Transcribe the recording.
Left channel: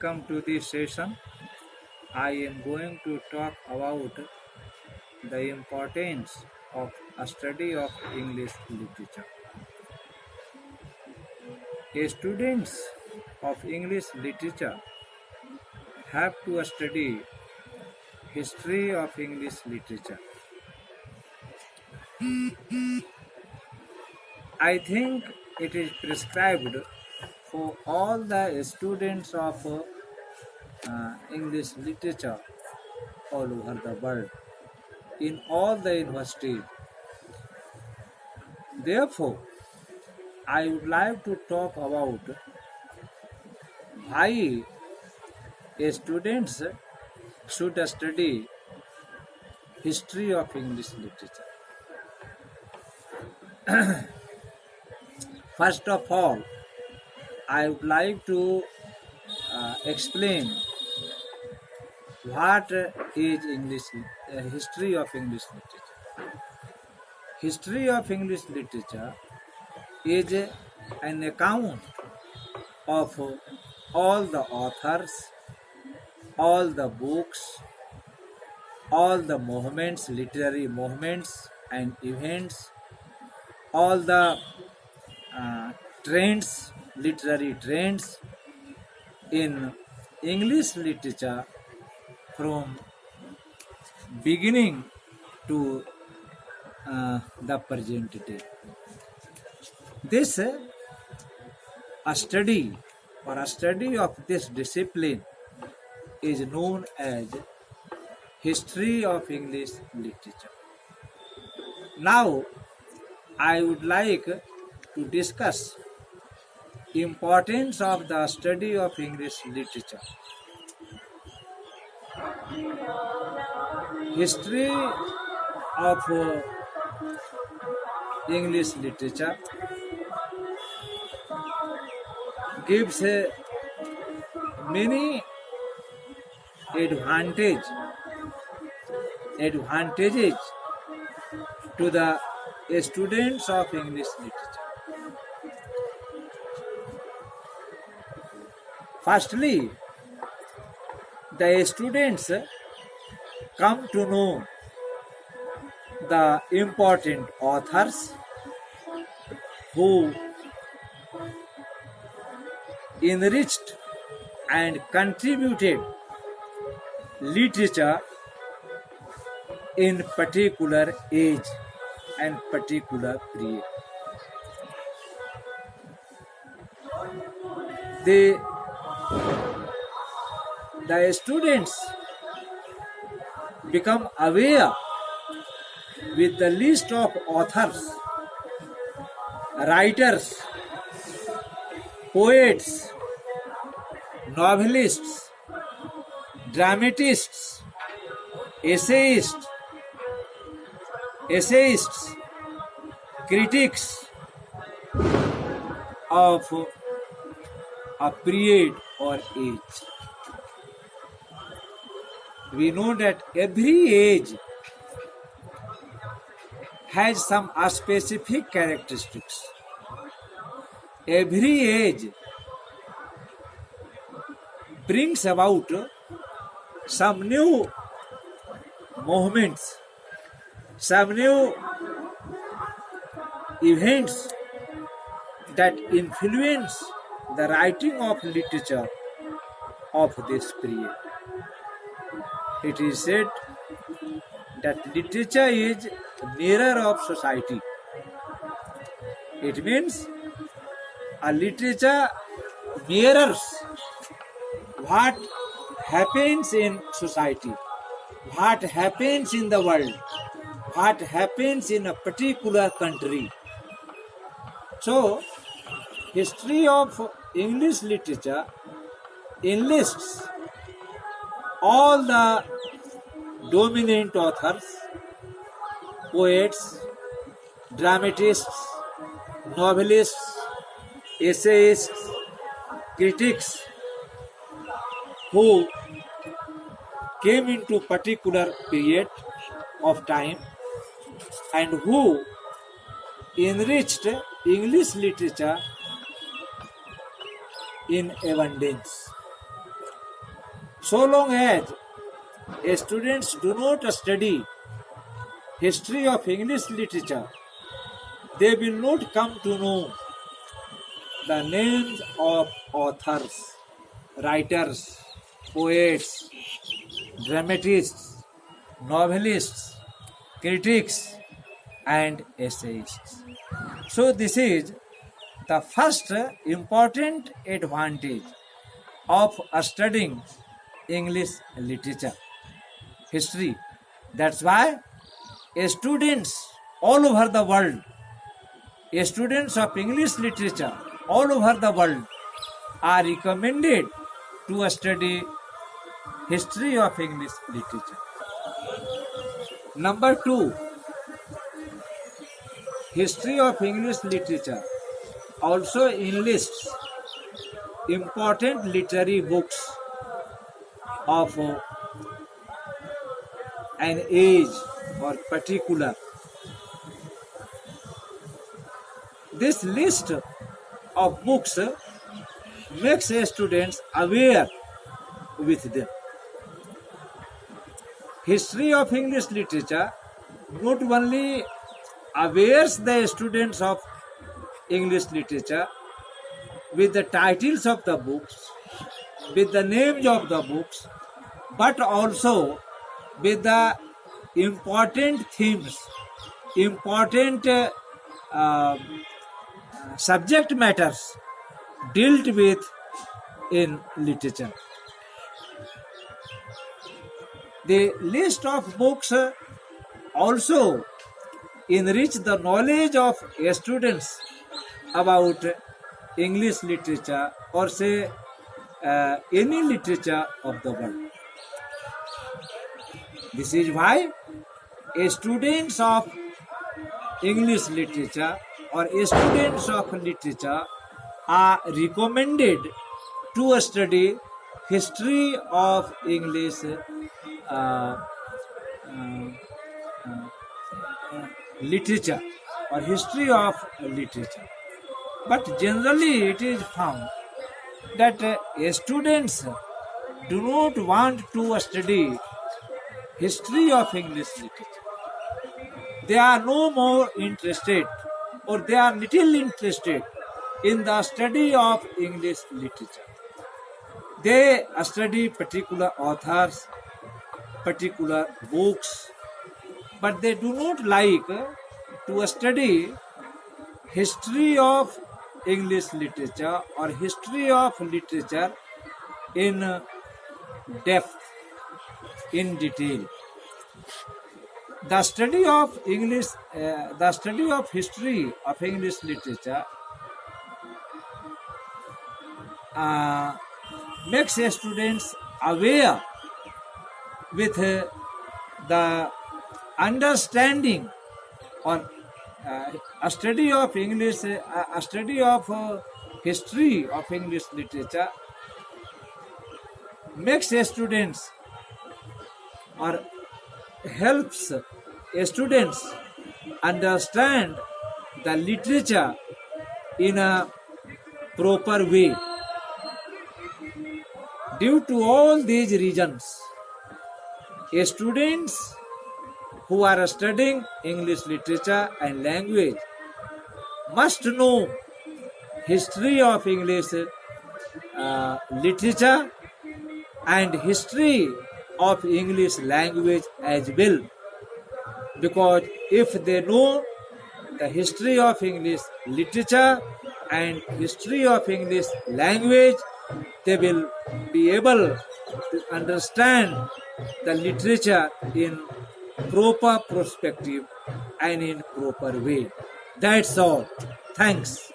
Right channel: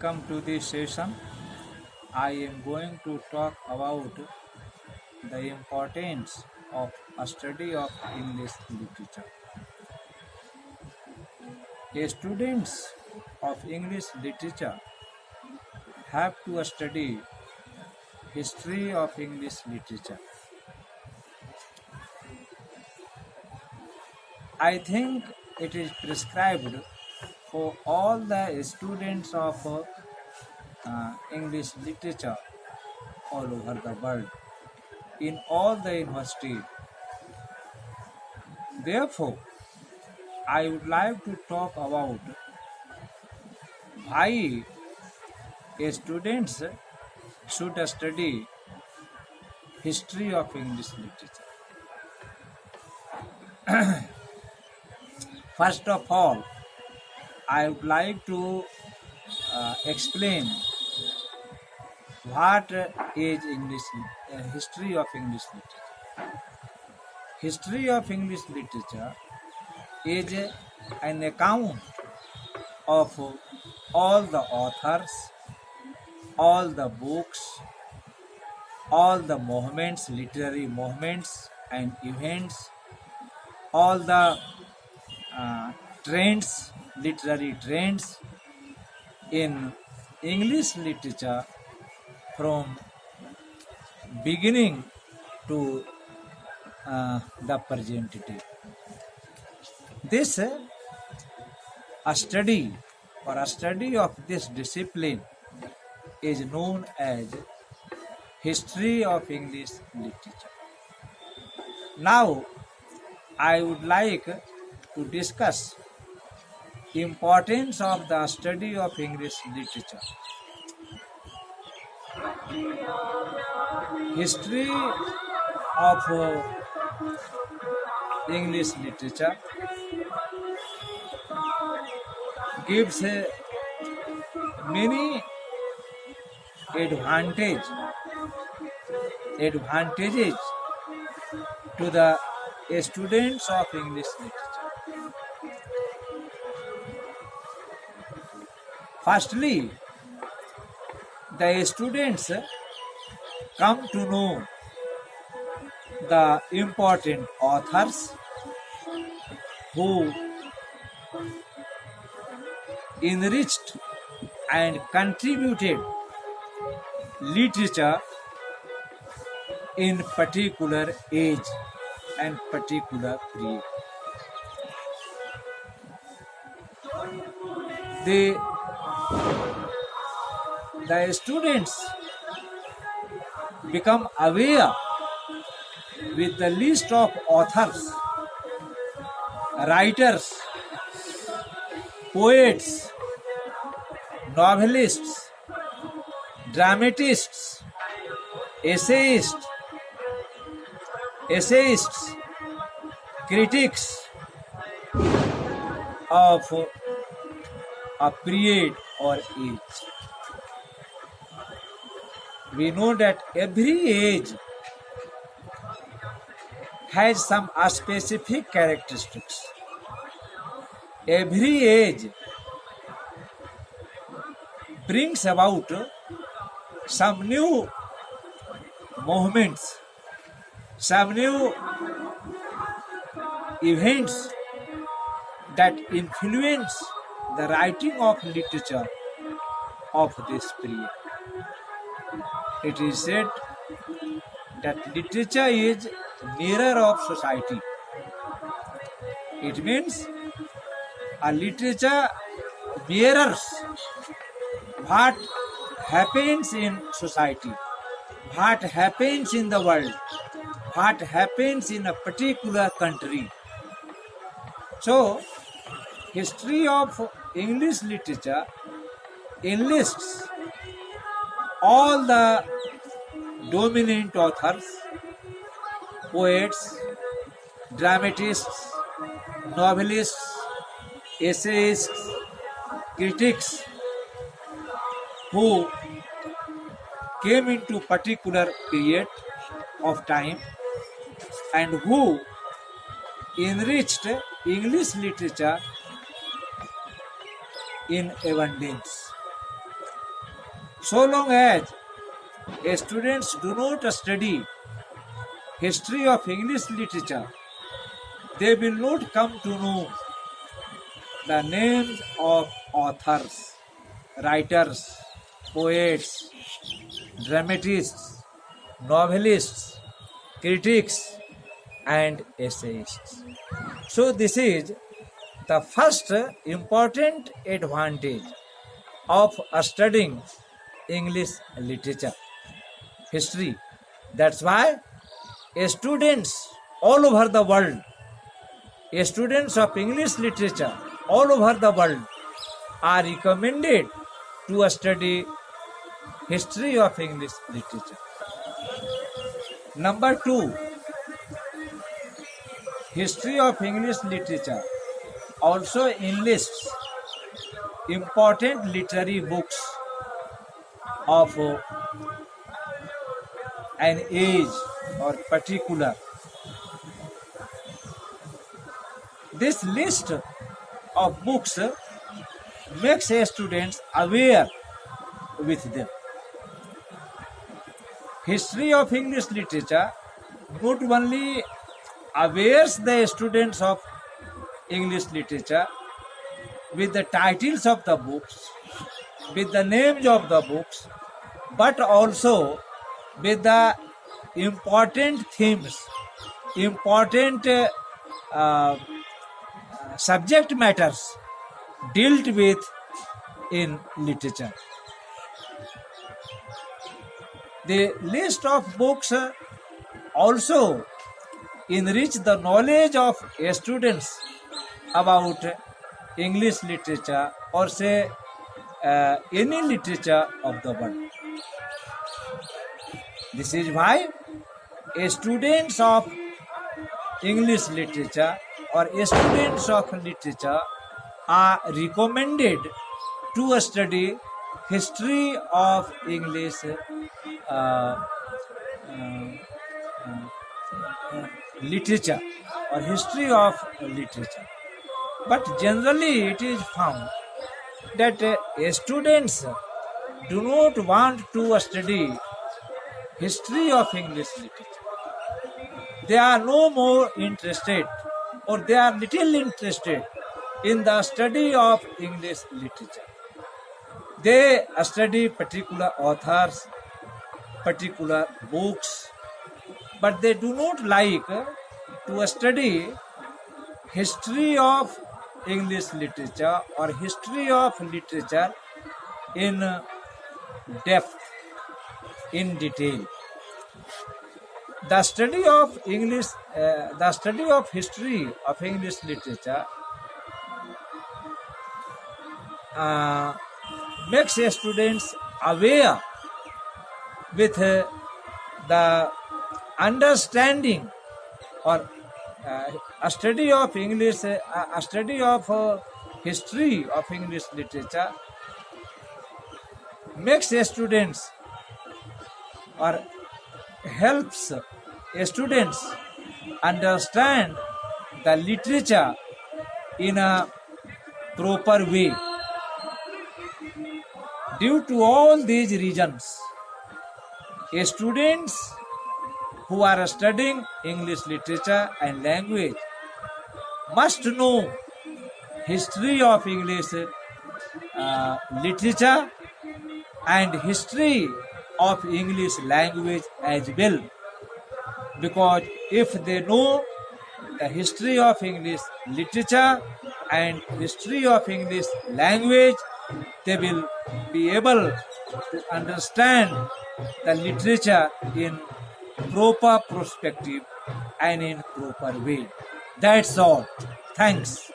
Welcome to this session. I am going to talk about the importance of a study of English literature. Students of English literature have to study history of English literature. I think it is prescribed for all the students of English literature all over the world in all the universities. Therefore, I would like to talk about why students should study history of English literature. First of all, I would like to explain what is history of English literature. History of English literature is an account of all the authors, all the books, all the movements, literary movements and events, all the trends, literary trends in English literature from beginning to the present day. This a study of this discipline is known as history of English literature. Now, I would like to discuss importance of the study of English literature. History of English literature gives many advantages to the students of English literature. Firstly, the students come to know the important authors who enriched and contributed literature in particular age and particular period. The students become aware with the list of authors, writers, poets, novelists, dramatists, essayists, critics of a period or age. We know that every age has some specific characteristics. Every age brings about some new movements, some new events that influence the writing of literature of this period. It is said that literature is mirror of society. It means a literature mirrors what happens in society, what happens in the world, what happens in a particular country. So, history of English literature enlists all the dominant authors, poets, dramatists, novelists, essayists, critics who came into particular period of time and who enriched English literature in abundance. So long as students do not study history of English literature, they will not come to know the names of authors, writers, poets, dramatists, novelists, critics, and essayists. So, this is the first important advantage of studying English literature, history. That's why students all over the world, students of English literature all over the world are recommended to study history of English literature. Number 2, history of English literature also enlists important literary books of an age or particular. This list of books makes students aware with them. History of English literature not only awares the students of English literature with the titles of the books, with the names of the books, but also with the important themes, important subject matters dealt with in literature. The list of books also enrich the knowledge of students about English literature or say any literature of the world. This is why students of English literature or students of literature are recommended to study history of English literature or history of literature. But generally it is found that students do not want to study history of English literature. They are no more interested or they are little interested in the study of English literature. They study particular authors, particular books, but they do not like to study history of English literature or history of literature in depth, in detail. The study of English, the study of history of English literature makes students aware with the understanding or a study of English, a study of history of English literature makes students or helps students understand the literature in a proper way. Due to all these reasons, students who are studying English literature and language must know history of English literature and history of English language as well, because if they know the history of English literature and history of English language, they will be able to understand the literature in proper perspective and in proper way. That's all. Thanks.